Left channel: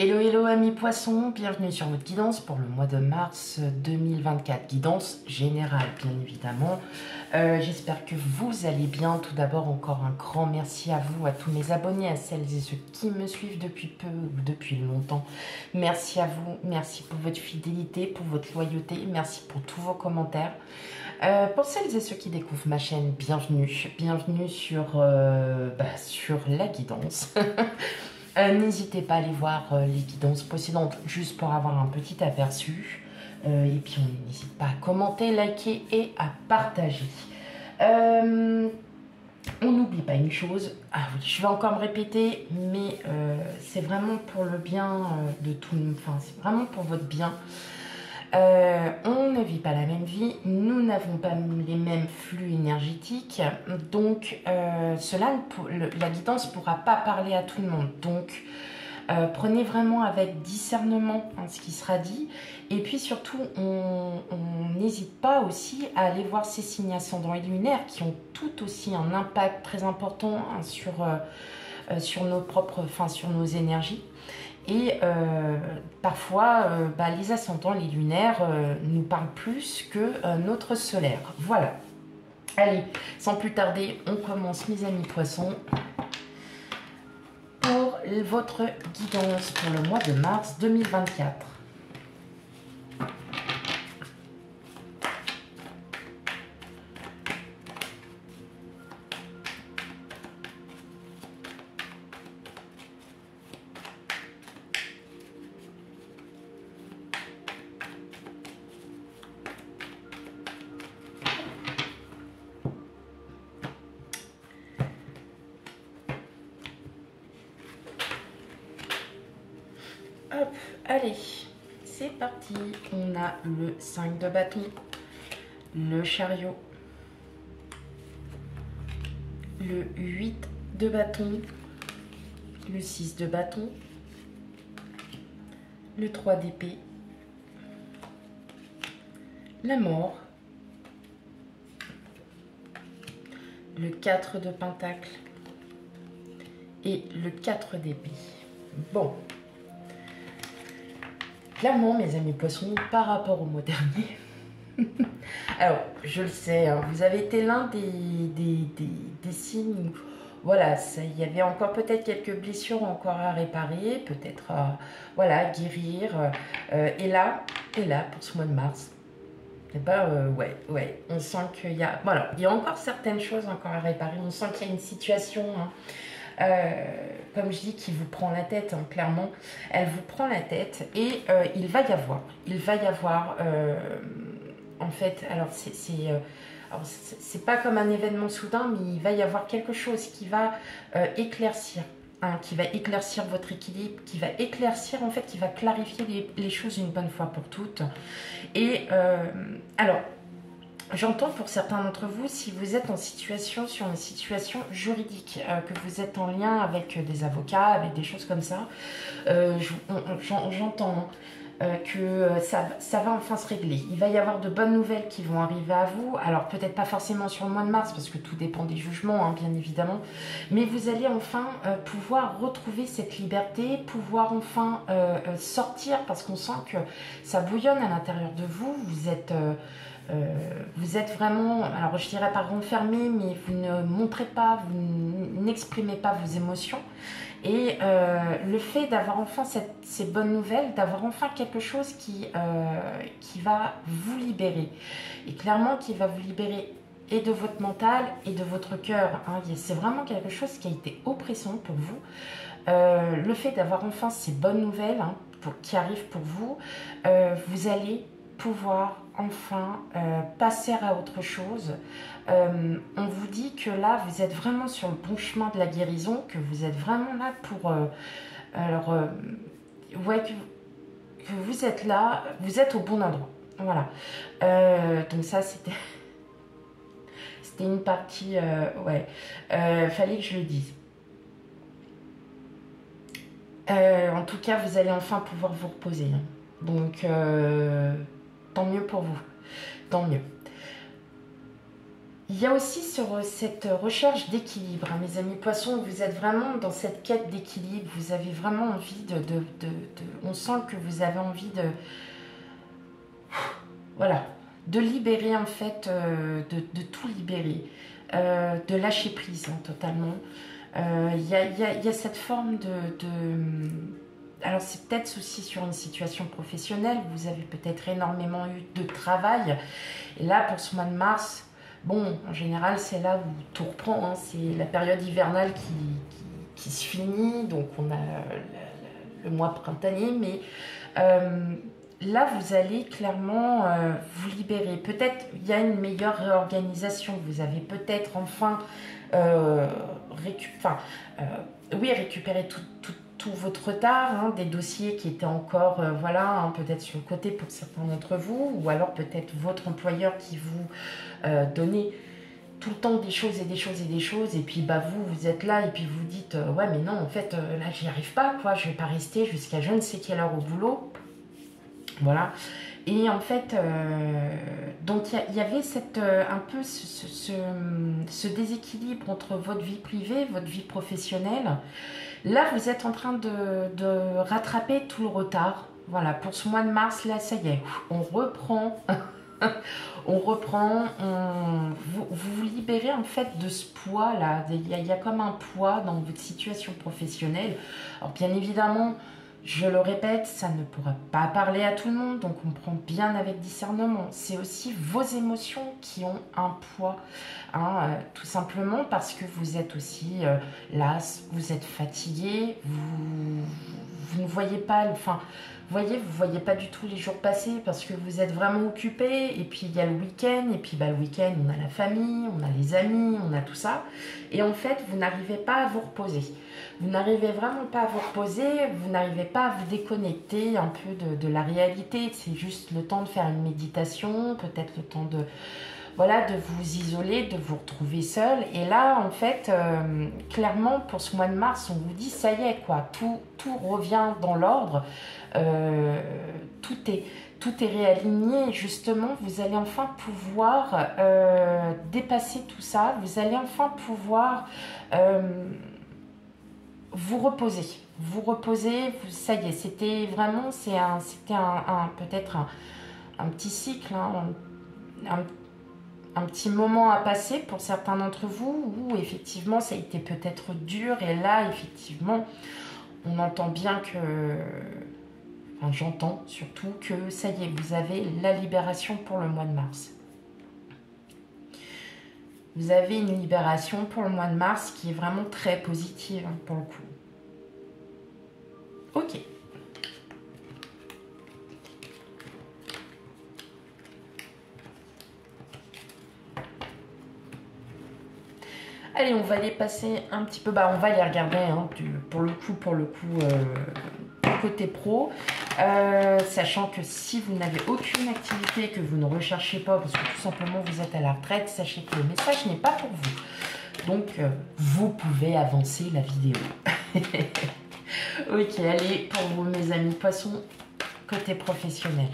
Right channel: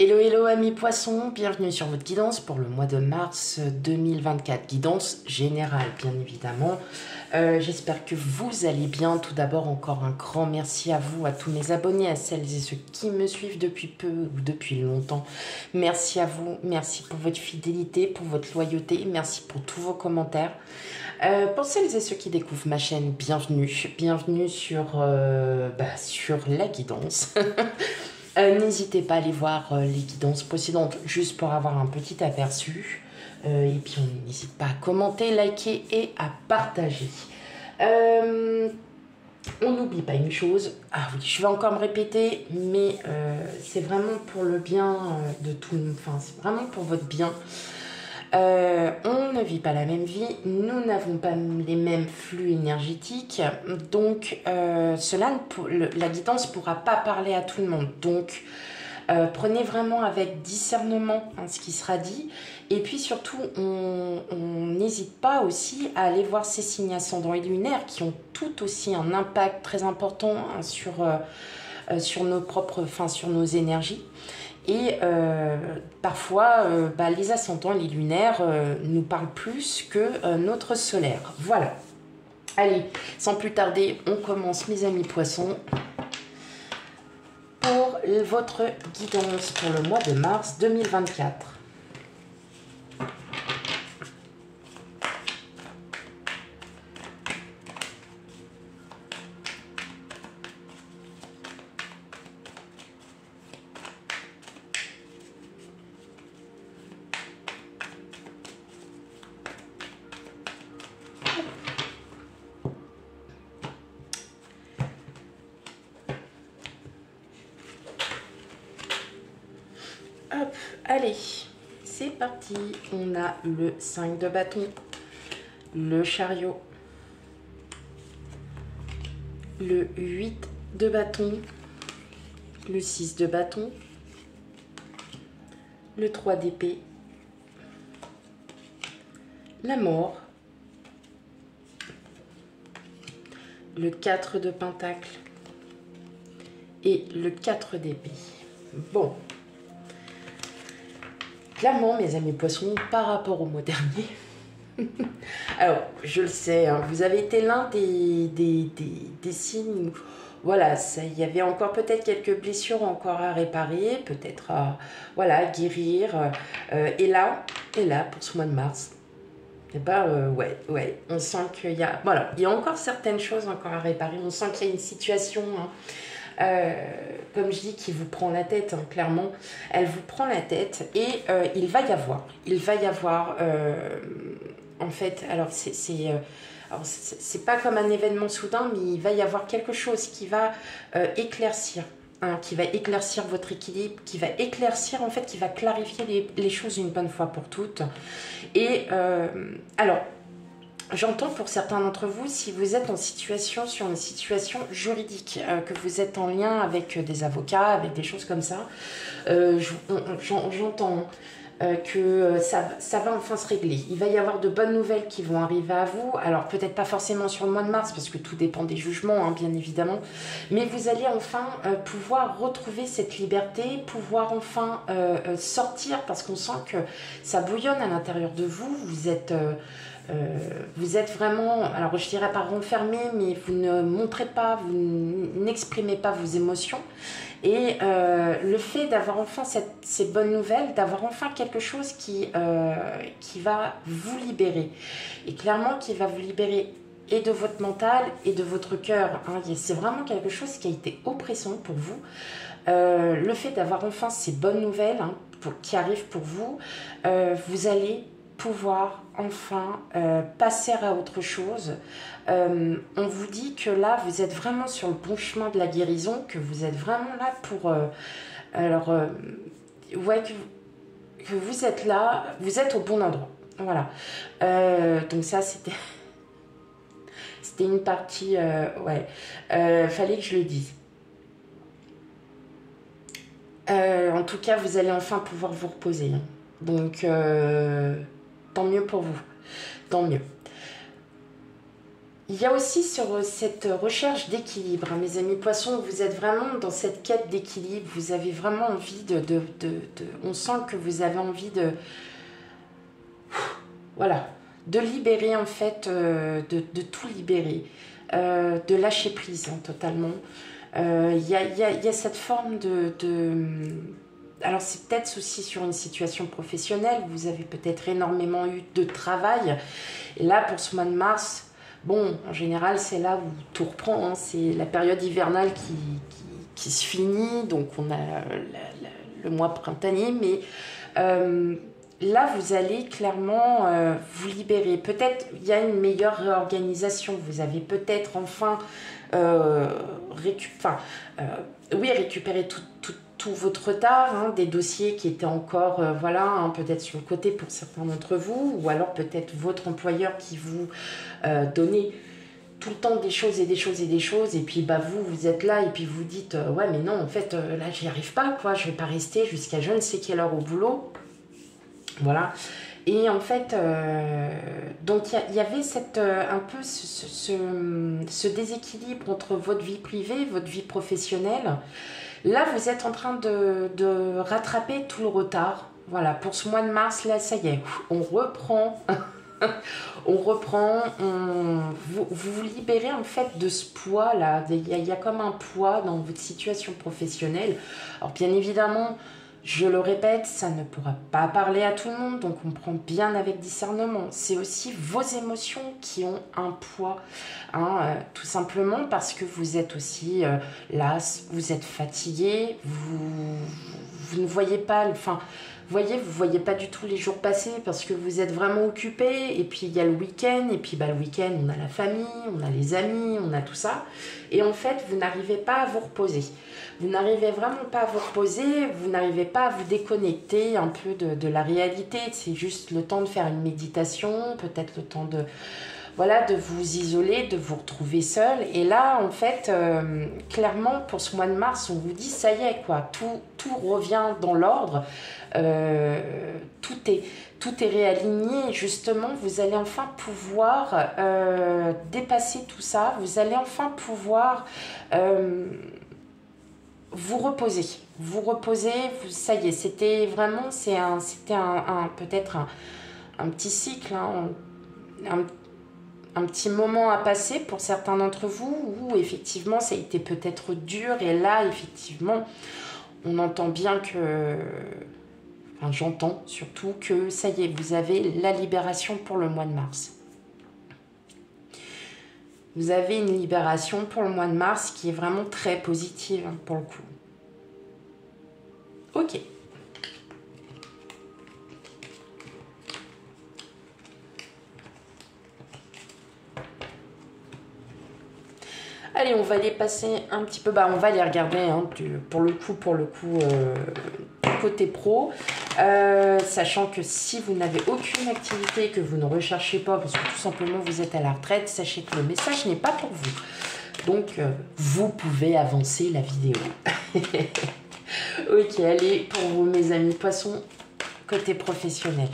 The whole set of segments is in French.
Hello, hello amis poissons, bienvenue sur votre guidance pour le mois de mars 2024, guidance générale bien évidemment. J'espère que vous allez bien. Tout d'abord encore un grand merci à vous, à tous mes abonnés, à celles et ceux qui me suivent depuis peu ou depuis longtemps. Merci à vous, merci pour votre fidélité, pour votre loyauté, merci pour tous vos commentaires. Pour celles et ceux qui découvrent ma chaîne, bienvenue, bienvenue sur la guidance. N'hésitez pas à aller voir les guidances précédentes juste pour avoir un petit aperçu. Et puis on n'hésite pas à commenter, liker et à partager. On n'oublie pas une chose. Ah oui, je vais encore me répéter, mais c'est vraiment pour le bien de tout le monde. Enfin, c'est vraiment pour votre bien. On ne vit pas la même vie, nous n'avons pas les mêmes flux énergétiques, donc la guidance ne pourra pas parler à tout le monde. Donc prenez vraiment avec discernement ce qui sera dit, et puis surtout on n'hésite pas aussi à aller voir ces signes ascendants et lunaires qui ont tout aussi un impact très important sur nos propres, sur nos énergies. Et parfois, les ascendants, les lunaires nous parlent plus que notre solaire. Voilà. Allez, sans plus tarder, on commence, mes amis poissons, pour votre guidance pour le mois de mars 2024. Hop, allez, c'est parti. On a le 5 de bâton, le chariot, le 8 de bâton, le 6 de bâton, le 3 d'épée, la mort, le 4 de pentacle et le 4 d'épée. Bon. Clairement, mes amis poissons, par rapport au mois dernier, alors, je le sais, hein, vous avez été l'un des signes où, voilà, il y avait encore peut-être quelques blessures encore à réparer, peut-être à guérir. Et là, pour ce mois de mars, eh ben, ouais, on sent qu'il y a, voilà, il y a encore certaines choses encore à réparer. On sent qu'il y a une situation, comme je dis, qui vous prend la tête, hein, clairement. Elle vous prend la tête et il va y avoir, en fait, alors c'est pas comme un événement soudain, mais il va y avoir quelque chose qui va éclaircir. Qui va éclaircir votre équilibre, qui va éclaircir, en fait, qui va clarifier les choses une bonne fois pour toutes. Et alors, j'entends pour certains d'entre vous, si vous êtes sur une situation juridique, que vous êtes en lien avec des avocats, avec des choses comme ça, j'entends que ça va enfin se régler. Il va y avoir de bonnes nouvelles qui vont arriver à vous. Alors peut-être pas forcément sur le mois de mars, parce que tout dépend des jugements, hein, bien évidemment. Mais vous allez enfin pouvoir retrouver cette liberté, pouvoir enfin sortir, parce qu'on sent que ça bouillonne à l'intérieur de vous. Vous êtes vraiment, alors je dirais pas renfermé, mais vous ne montrez pas, vous n'exprimez pas vos émotions. Et le fait d'avoir enfin ces bonnes nouvelles, d'avoir enfin quelque chose qui va vous libérer. Et clairement, qui va vous libérer et de votre mental et de votre cœur. Hein. C'est vraiment quelque chose qui a été oppressant pour vous. Le fait d'avoir enfin ces bonnes nouvelles, hein, qui arrivent pour vous, vous allez pouvoir enfin passer à autre chose. On vous dit que là, vous êtes vraiment sur le bon chemin de la guérison, que vous êtes vraiment là pour... que vous êtes là, vous êtes au bon endroit. Voilà. Donc ça, c'était une partie... fallait que je le dise. En tout cas, vous allez enfin pouvoir vous reposer. Hein. Donc... tant mieux pour vous, tant mieux. Il y a aussi sur cette recherche d'équilibre, hein, mes amis poissons, vous êtes vraiment dans cette quête d'équilibre, vous avez vraiment envie on sent que vous avez envie voilà, de libérer en fait, de tout libérer, de lâcher prise hein, totalement. Il y a cette forme alors c'est peut-être aussi sur une situation professionnelle, vous avez peut-être énormément eu de travail, et là pour ce mois de mars, bon, en général c'est là où tout reprend, hein, c'est la période hivernale qui se finit, donc on a le mois printanier, mais là vous allez clairement vous libérer, peut-être il y a une meilleure réorganisation, vous avez peut-être enfin récupérer tout votre retard, hein, des dossiers qui étaient encore, voilà, hein, peut-être sur le côté pour certains d'entre vous, ou alors peut-être votre employeur qui vous donnait tout le temps des choses et des choses et des choses, et puis bah vous êtes là et puis vous dites ouais mais non en fait là j'y arrive pas quoi, je vais pas rester jusqu'à je ne sais quelle heure au boulot, voilà. Et en fait, donc il y avait un peu ce déséquilibre entre votre vie privée, votre vie professionnelle. Là, vous êtes en train de rattraper tout le retard. Voilà, pour ce mois de mars, là, ça y est, on reprend. On reprend, vous vous libérez en fait de ce poids-là. Il y a comme un poids dans votre situation professionnelle. Alors bien évidemment, je le répète, ça ne pourra pas parler à tout le monde, donc on prend bien avec discernement. C'est aussi vos émotions qui ont un poids, hein, tout simplement parce que vous êtes aussi las, vous êtes fatigué, vous ne voyez pas, enfin, vous voyez pas du tout les jours passer parce que vous êtes vraiment occupé, et puis il y a le week-end, et puis bah, le week-end, on a la famille, on a les amis, on a tout ça, et en fait, vous n'arrivez pas à vous reposer. Vous n'arrivez vraiment pas à vous reposer, vous n'arrivez pas à vous déconnecter un peu de la réalité. C'est juste le temps de faire une méditation, peut-être le temps voilà, de vous isoler, de vous retrouver seul. Et là, en fait, clairement, pour ce mois de mars, on vous dit, ça y est, quoi, tout revient dans l'ordre, tout est réaligné. Justement, vous allez enfin pouvoir dépasser tout ça, vous allez enfin pouvoir vous reposer, ça y est, c'était vraiment, c'était peut-être un petit cycle, hein, un petit moment à passer pour certains d'entre vous, où effectivement ça a été peut-être dur, et là effectivement on entend bien que, enfin j'entends surtout que ça y est, vous avez la libération pour le mois de mars. Vous avez une libération pour le mois de mars qui est vraiment très positive hein, pour le coup. Ok. Allez, on va les passer un petit peu. Bah, on va les regarder hein, pour le coup, côté pro. Sachant que si vous n'avez aucune activité, que vous ne recherchez pas, parce que tout simplement vous êtes à la retraite, sachez que le message n'est pas pour vous. Donc, vous pouvez avancer la vidéo. Ok, allez, pour vous, mes amis poissons, côté professionnel.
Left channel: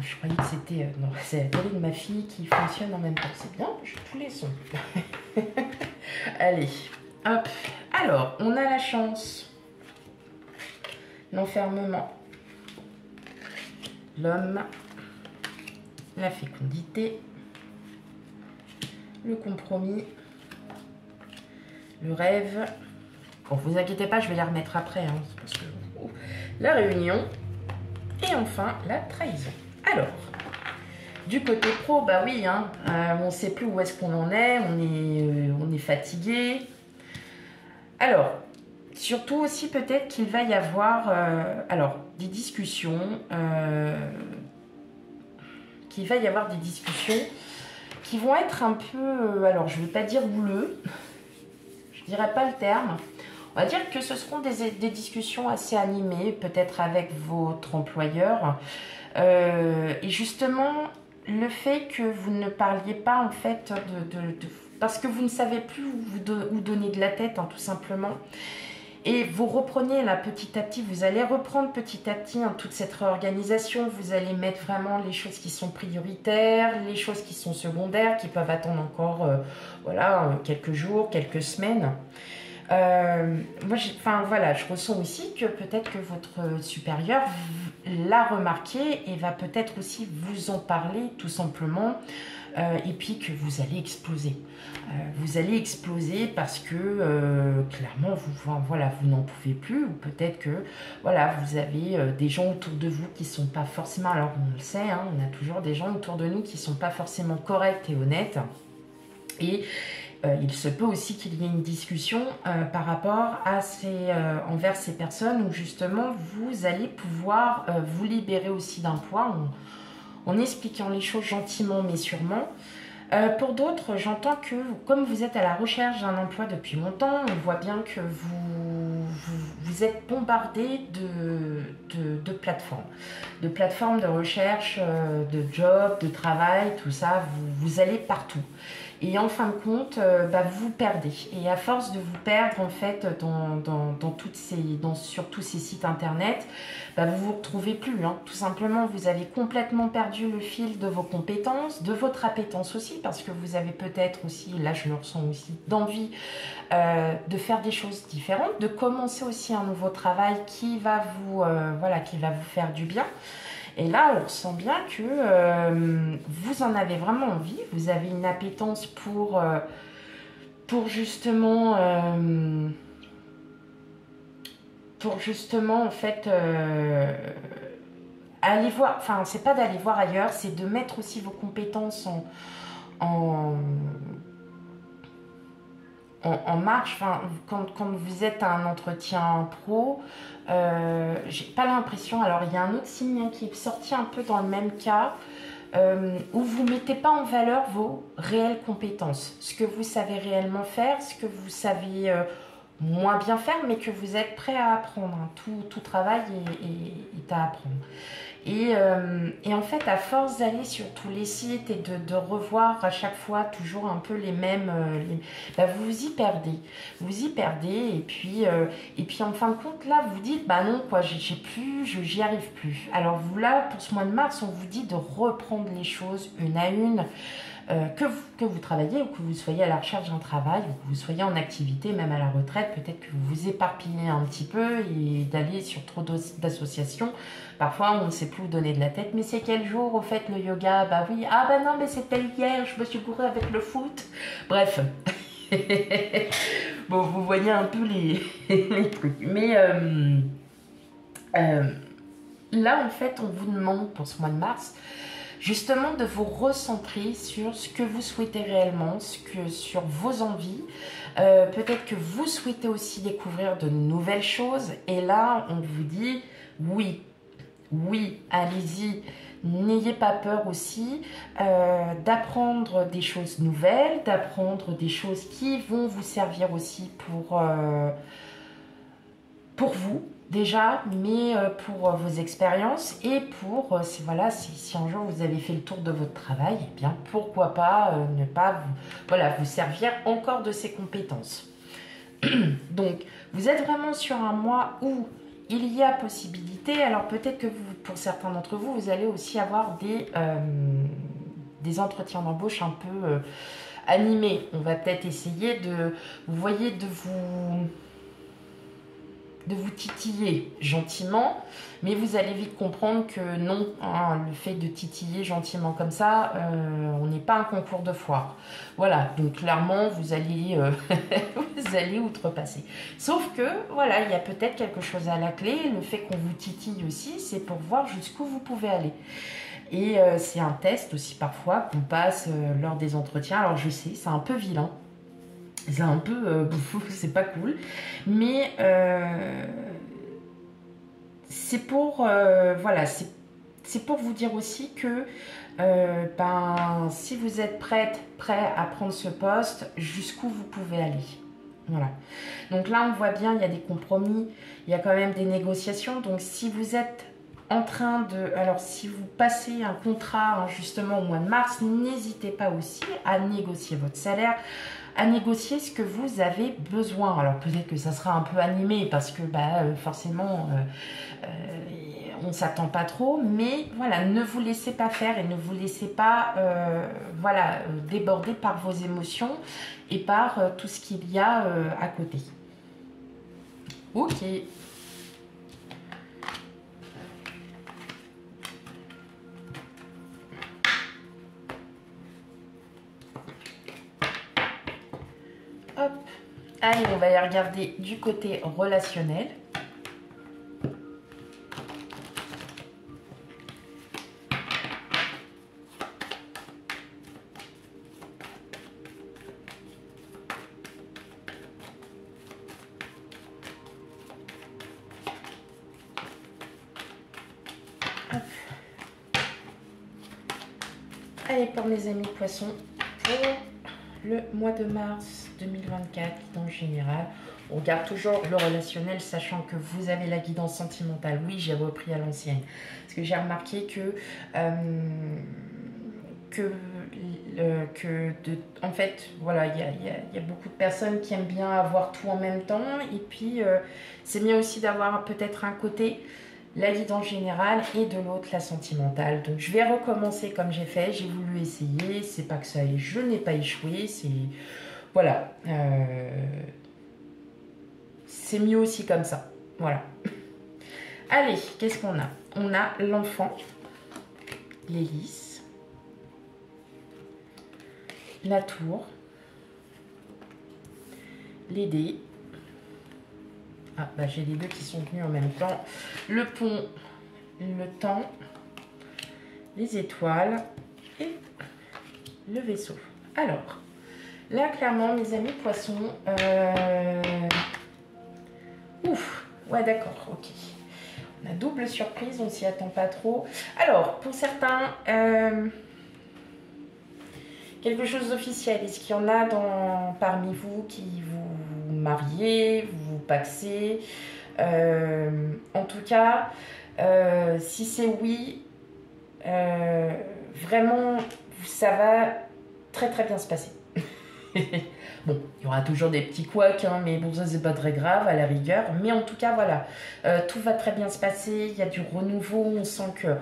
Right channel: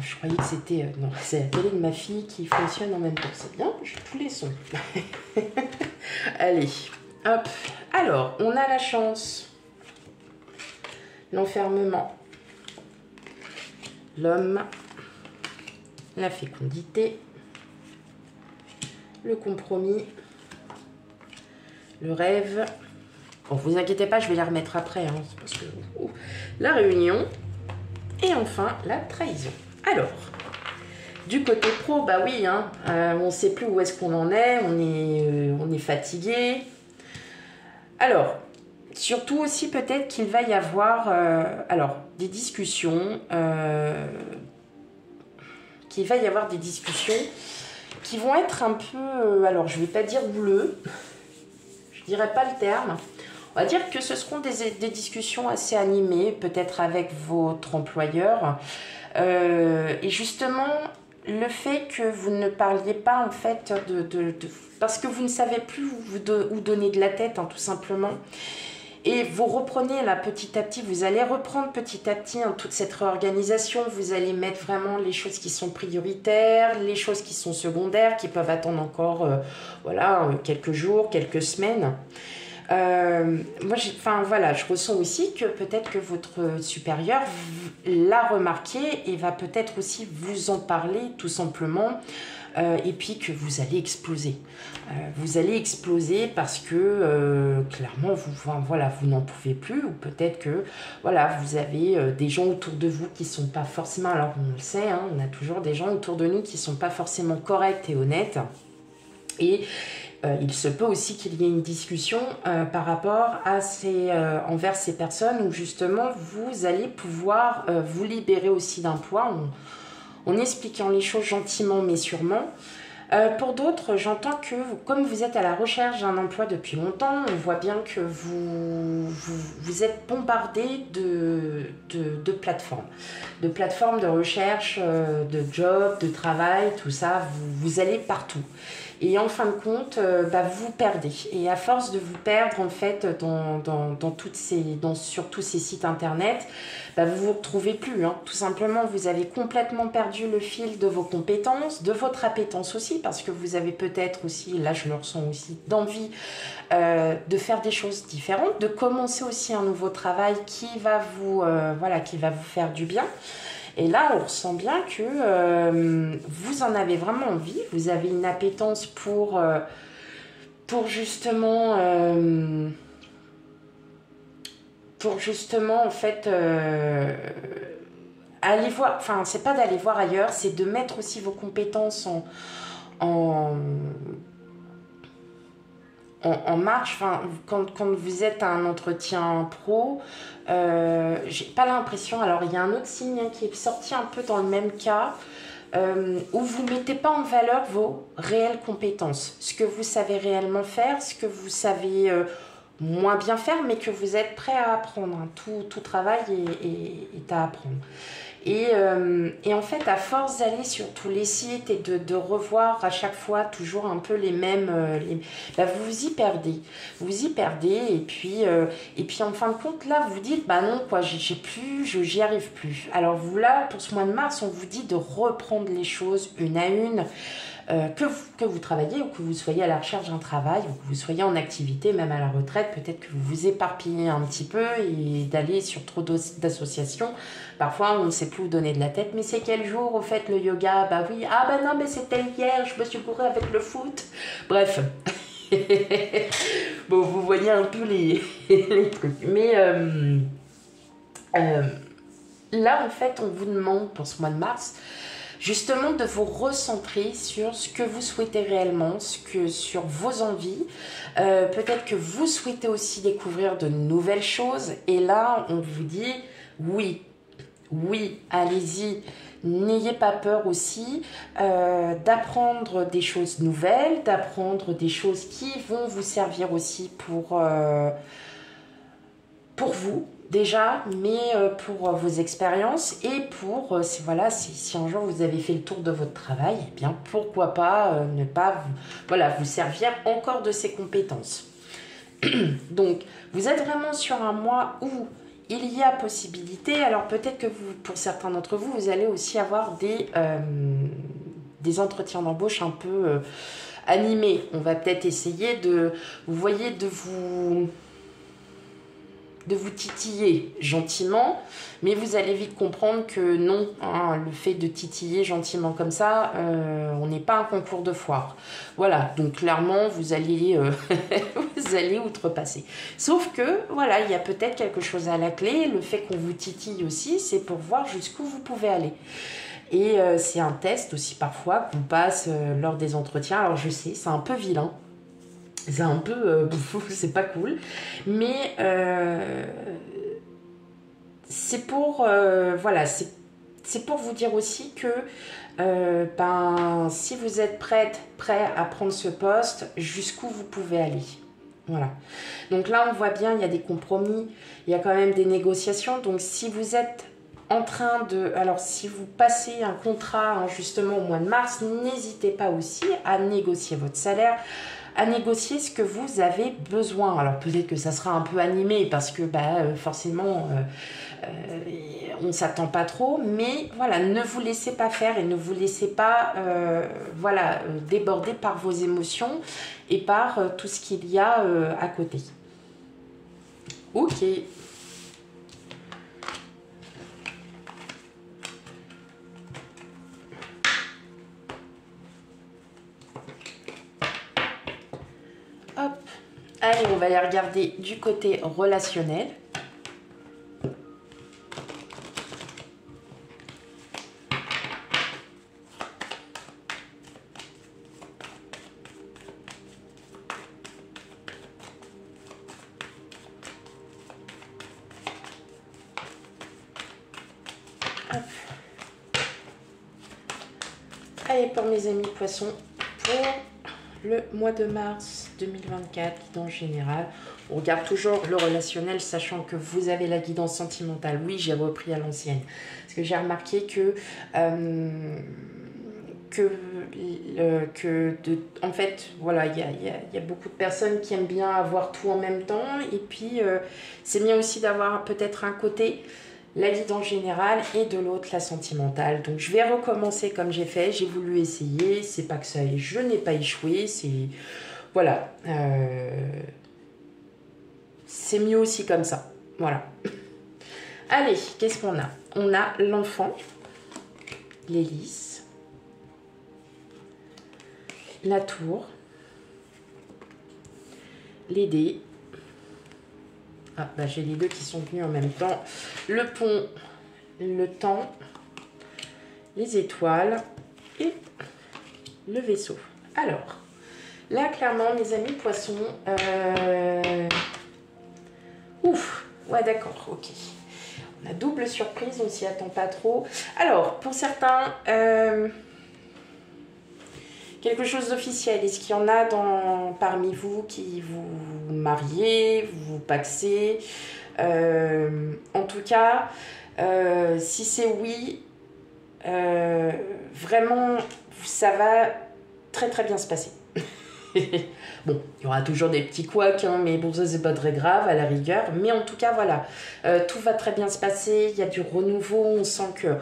Je croyais que c'était... non, c'est la télé de ma fille qui fonctionne en même temps. C'est bien, j'ai tous les sons. Allez, hop. Alors, on a la chance. L'enfermement. L'homme. La fécondité. Le compromis. Le rêve. Bon, vous inquiétez pas, je vais les remettre après. Hein, parce que... La réunion. Et enfin, la trahison. Alors, du côté pro, bah oui, hein, on ne sait plus où est-ce qu'on en est, on est fatigué. Alors, surtout aussi peut-être qu'il va y avoir des discussions, qui vont être un peu, alors je ne vais pas dire bouleux, je ne dirais pas le terme. On va dire que ce seront des discussions assez animées, peut-être avec votre employeur. Et justement, le fait que vous ne parliez pas en fait parce que vous ne savez plus où donner de la tête, hein, tout simplement. Et vous reprenez là petit à petit, vous allez reprendre petit à petit toute cette réorganisation, vous allez mettre vraiment les choses qui sont prioritaires, les choses qui sont secondaires, qui peuvent attendre encore voilà, quelques jours, quelques semaines. Moi, je ressens aussi que peut-être que votre supérieur l'a remarqué et va peut-être aussi vous en parler tout simplement. Et puis que vous allez exploser. Vous allez exploser parce que clairement, vous n'en pouvez plus, ou peut-être que voilà, vous avez des gens autour de vous qui ne sont pas forcément, alors on le sait, hein, on a toujours des gens autour de nous qui ne sont pas forcément corrects et honnêtes. Et il se peut aussi qu'il y ait une discussion par rapport à envers ces personnes où justement vous allez pouvoir vous libérer aussi d'un poids en expliquant les choses gentiment mais sûrement. Pour d'autres, j'entends que comme vous êtes à la recherche d'un emploi depuis longtemps, on voit bien que vous êtes bombardé de plateformes de recherche, de jobs, de travail, tout ça, vous allez partout. Et en fin de compte, vous perdez. Et à force de vous perdre, en fait, sur tous ces sites internet, vous vous retrouvez plus. Hein. Tout simplement, vous avez complètement perdu le fil de vos compétences, de votre appétence aussi, parce que vous avez peut-être aussi, là je le ressens aussi, d'envie de faire des choses différentes, de commencer aussi un nouveau travail qui va vous faire du bien. Et là, on ressent bien que vous en avez vraiment envie, vous avez une appétence pour justement, en fait, aller voir, enfin, c'est pas d'aller voir ailleurs, c'est de mettre aussi vos compétences en marche. Enfin, quand vous êtes à un entretien pro, j'ai pas l'impression, alors il y a un autre signe qui est sorti un peu dans le même cas, où vous mettez pas en valeur vos réelles compétences, ce que vous savez réellement faire, ce que vous savez moins bien faire, mais que vous êtes prêt à apprendre. Hein. Tout travail est à apprendre. Et en fait, à force d'aller sur tous les sites et de revoir à chaque fois toujours un peu les mêmes, vous vous y perdez. Vous vous y perdez et puis en fin de compte, là, vous dites, non, quoi, j'y arrive plus. Alors vous, là, pour ce mois de mars, on vous dit de reprendre les choses une à une. Que vous travaillez ou que vous soyez à la recherche d'un travail ou que vous soyez en activité, même à la retraite, peut-être que vous vous éparpillez un petit peu et d'aller sur trop d'associations. Parfois, on ne sait plus où donner de la tête. Mais c'est quel jour, au fait, le yoga? Bah oui. Ah bah non, mais c'était hier, je me suis bourrée avec le foot. Bref. Bon, vous voyez un peu les trucs. Mais là, en fait, on vous demande pour ce mois de mars justement de vous recentrer sur ce que vous souhaitez réellement, sur vos envies. Peut-être que vous souhaitez aussi découvrir de nouvelles choses. Et là, on vous dit oui, allez-y. N'ayez pas peur aussi d'apprendre des choses nouvelles, d'apprendre des choses qui vont vous servir aussi pour vous. Déjà, mais pour vos expériences et pour, si un jour vous avez fait le tour de votre travail, eh bien pourquoi pas ne pas vous servir encore de ces compétences. Donc, vous êtes vraiment sur un mois où il y a possibilité, alors peut-être que pour certains d'entre vous, vous allez aussi avoir des entretiens d'embauche un peu animés. On va peut-être essayer de vous titiller gentiment, mais vous allez vite comprendre que non, hein, le fait de titiller gentiment comme ça, on n'est pas un concours de foire. Voilà, donc clairement, vous allez outrepasser. Sauf que, voilà, il y a peut-être quelque chose à la clé. Le fait qu'on vous titille aussi, c'est pour voir jusqu'où vous pouvez aller. Et c'est un test aussi parfois qu'on passe lors des entretiens. Alors je sais, c'est un peu vilain. C'est un peu c'est pas cool, mais c'est pour c'est pour vous dire aussi que si vous êtes prêt à prendre ce poste, jusqu'où vous pouvez aller. Voilà. Donc là, on voit bien, il y a des compromis, il y a quand même des négociations. Donc si vous êtes en train de... Alors, si vous passez un contrat hein, justement au mois de mars, n'hésitez pas aussi à négocier votre salaire, à négocier ce que vous avez besoin. Alors, peut-être que ça sera un peu animé parce que forcément, on ne s'attend pas trop. Mais voilà, ne vous laissez pas faire et ne vous laissez pas déborder par vos émotions et par tout ce qu'il y a à côté. Ok. Hop. Allez, on va aller regarder du côté relationnel. Allez, pour mes amis poissons, pour le mois de mars 2024, guidance générale. On regarde toujours le relationnel, sachant que vous avez la guidance sentimentale. Oui, j'ai repris à l'ancienne. Parce que j'ai remarqué en fait, voilà, il y a beaucoup de personnes qui aiment bien avoir tout en même temps. Et puis, c'est bien aussi d'avoir peut-être un côté la guidance générale et de l'autre la sentimentale. Donc je vais recommencer comme j'ai fait, j'ai voulu essayer, c'est pas que ça, je n'ai pas échoué, c'est voilà, c'est mieux aussi comme ça, voilà. Allez, qu'est-ce qu'on a? On a l'enfant, l'hélice, la tour, les dés. Ah, bah, j'ai les deux qui sont venus en même temps. Le pont, le temps, les étoiles et le vaisseau. Alors, là, clairement, mes amis poissons... Ouf, ouais, d'accord, ok. On a double surprise, on s'y attend pas trop. Alors, pour certains... quelque chose d'officiel. Est-ce qu'il y en a parmi vous qui vous mariez, vous paxez en tout cas, si c'est oui, vraiment, ça va très très bien se passer. Bon, il y aura toujours des petits couacs, hein, mais bon, ça c'est pas très grave à la rigueur. Mais en tout cas, voilà, tout va très bien se passer. Il y a du renouveau, on sent que...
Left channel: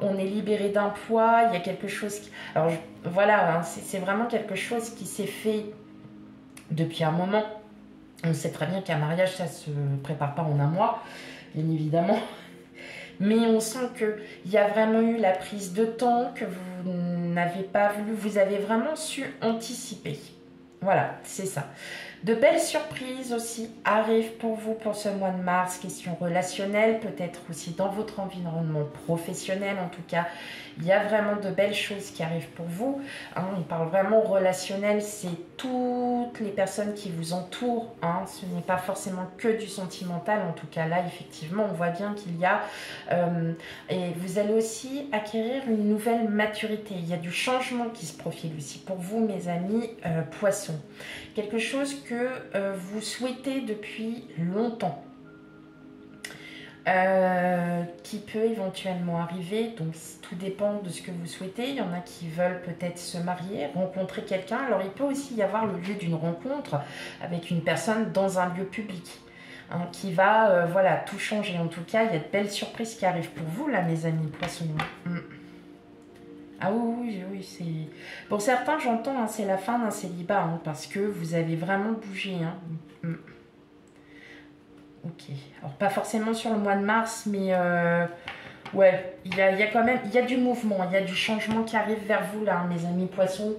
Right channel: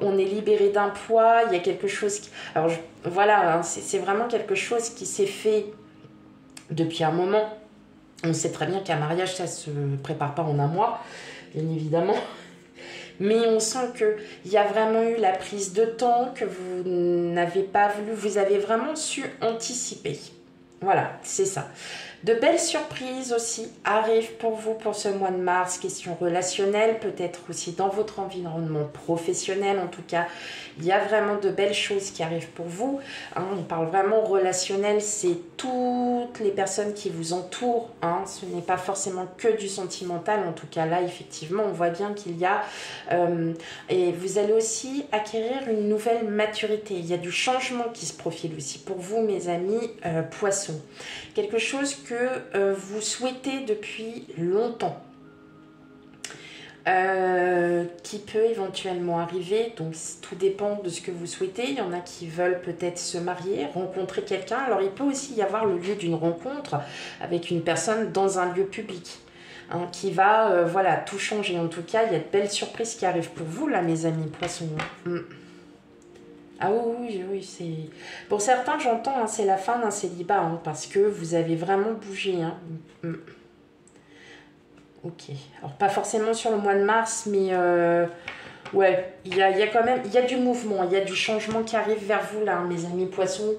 on est libéré d'un poids, il y a quelque chose qui... Alors voilà, hein, c'est vraiment quelque chose qui s'est fait depuis un moment. On sait très bien qu'un mariage, ça se prépare pas en un mois, bien évidemment. Mais on sent qu'il y a vraiment eu la prise de temps, que vous n'avez pas voulu, vous avez vraiment su anticiper. Voilà, c'est ça. De belles surprises aussi arrivent pour vous pour ce mois de mars. Question relationnelle, peut-être aussi dans votre environnement professionnel. En tout cas, il y a vraiment de belles choses qui arrivent pour vous. Hein, on parle vraiment relationnel, c'est toutes les personnes qui vous entourent. Hein, ce n'est pas forcément que du sentimental. En tout cas, là, effectivement, on voit bien qu'il y a... et vous allez aussi acquérir une nouvelle maturité. Il y a du changement qui se profile aussi pour vous, mes amis poissons. Quelque chose que vous souhaitez depuis longtemps, qui peut éventuellement arriver. Donc tout dépend de ce que vous souhaitez. Il y en a qui veulent peut-être se marier, rencontrer quelqu'un. Alors il peut aussi y avoir le lieu d'une rencontre avec une personne dans un lieu public, hein, qui va voilà, tout changer. En tout cas, il y a de belles surprises qui arrivent pour vous là, mes amis poissons. Ah oui, oui, c'est... Pour certains, j'entends, hein, c'est la fin d'un célibat, hein, parce que vous avez vraiment bougé. Hein. Ok. Alors, pas forcément sur le mois de mars, mais... ouais, il y a quand même... Il y a du mouvement, il y a du changement qui arrive vers vous, là, hein, mes amis poissons.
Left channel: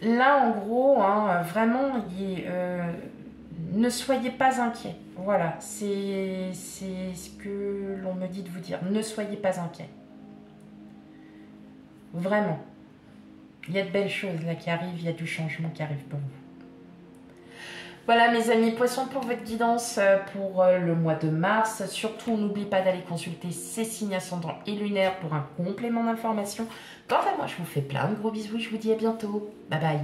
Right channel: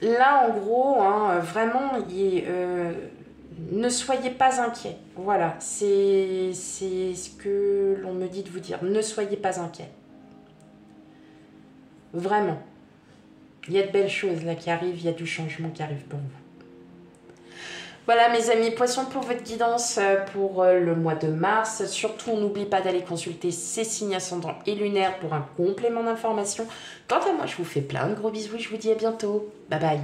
Là, en gros, hein, vraiment, ne soyez pas inquiets. Voilà, c'est ce que l'on me dit de vous dire. Ne soyez pas inquiets. Vraiment. Il y a de belles choses là qui arrivent, il y a du changement qui arrive pour vous. Voilà mes amis poissons pour votre guidance pour le mois de mars. Surtout, on n'oublie pas d'aller consulter ces signes ascendants et lunaires pour un complément d'information. Quant à moi, je vous fais plein de gros bisous et je vous dis à bientôt. Bye bye.